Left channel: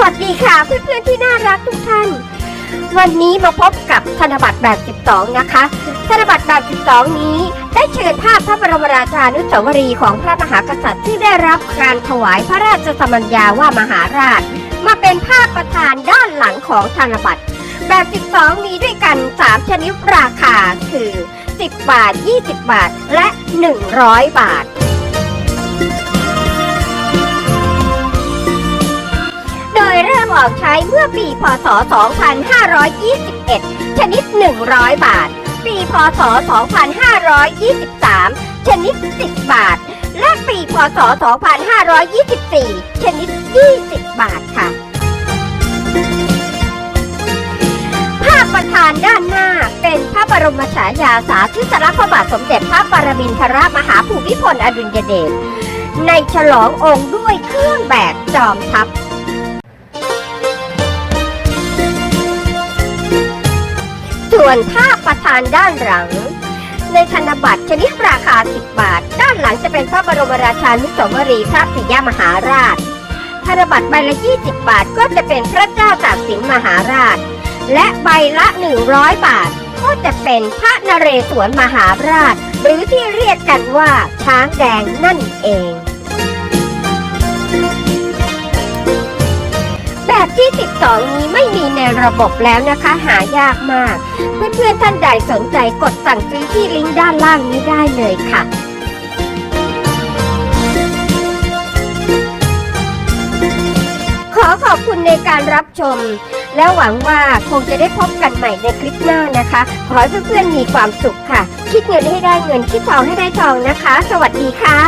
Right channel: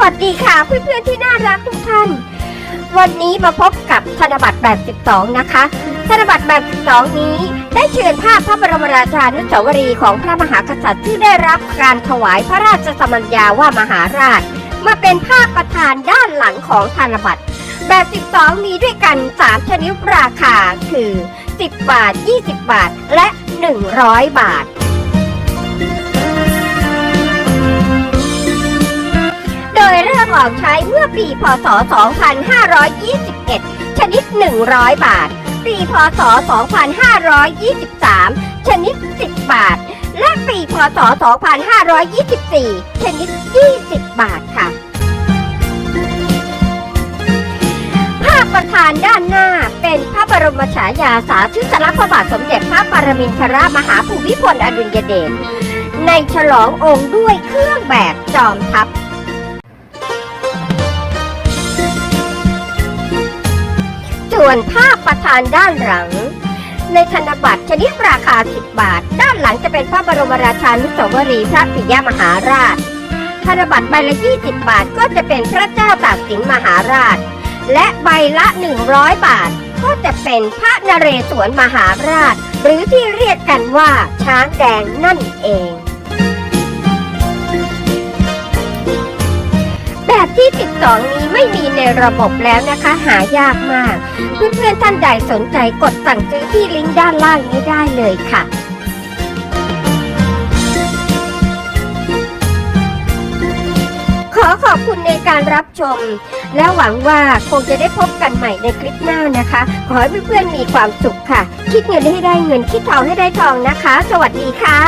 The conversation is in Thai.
วัสดีค่ะเพื่อนๆที่น่ารักทุกท่าน วันนี้มาพบกับธนบัตรแบบ 12 นะคะ ธนบัตรแบบ 12 นี้ได้เชิญภาพพระบรมราชานุสาวรีย์ของพระมหากษัตริย์ที่ได้รับการถวายพระราชสมัญญาว่ามหาราช มาเป็นภาพประธานด้านหลังของธนบัตรแบบ 12 มีด้วยกัน 3 ชนิดราคาคือ 10 บาท 20 บาท และ 100 บาท ออกใช้เมื่อปีพศ 2521 ชนิด 100 บาท ปีพศ 2523 ชนิด 10 บาท และปีพศ 2524 ชนิด 20 บาทค่ะ ภาพประธานด้านหน้าเป็นพระบรมฉายาสาธิสลักษณ์พระบาทสมเด็จพระปรมินทรมหาภูมิพลอดุลยเดชในฉลององค์ด้วยเครื่องแบบจอมทัพ วนภาพประธานด้านหลัง ในธนบัตรชนิดราคา 10 บาท ด้านหลังจะเป็นพระบรมราชานุสาวรีย์พระปิยมหาราช ธนบัตรใบละ 20 บาทก็จะเป็นพระเจ้าตากสินมหาราช และใบละ 100 บาท ก็จะเป็นพระนเรศวรมหาราช หรือที่เรียกกันว่าช้างแดงนั่นเอง ที่ 12 นี้ไม่มีในระบบแล้วนะคะ หายากมาก เพื่อนๆท่านใดสนใจกดสั่งซื้อที่ลิงก์ด้านล่างนี้ได้เลยค่ะขอขอบคุณในการรับชม และหวังว่าคงจะได้พบกันใหม่ในคลิปหน้านะคะ ขอให้เพื่อนๆมีความสุขค่ะ คิดเงินให้ได้เงิน คิดทองให้ได้ทองนะคะ สวัสดีค่ะ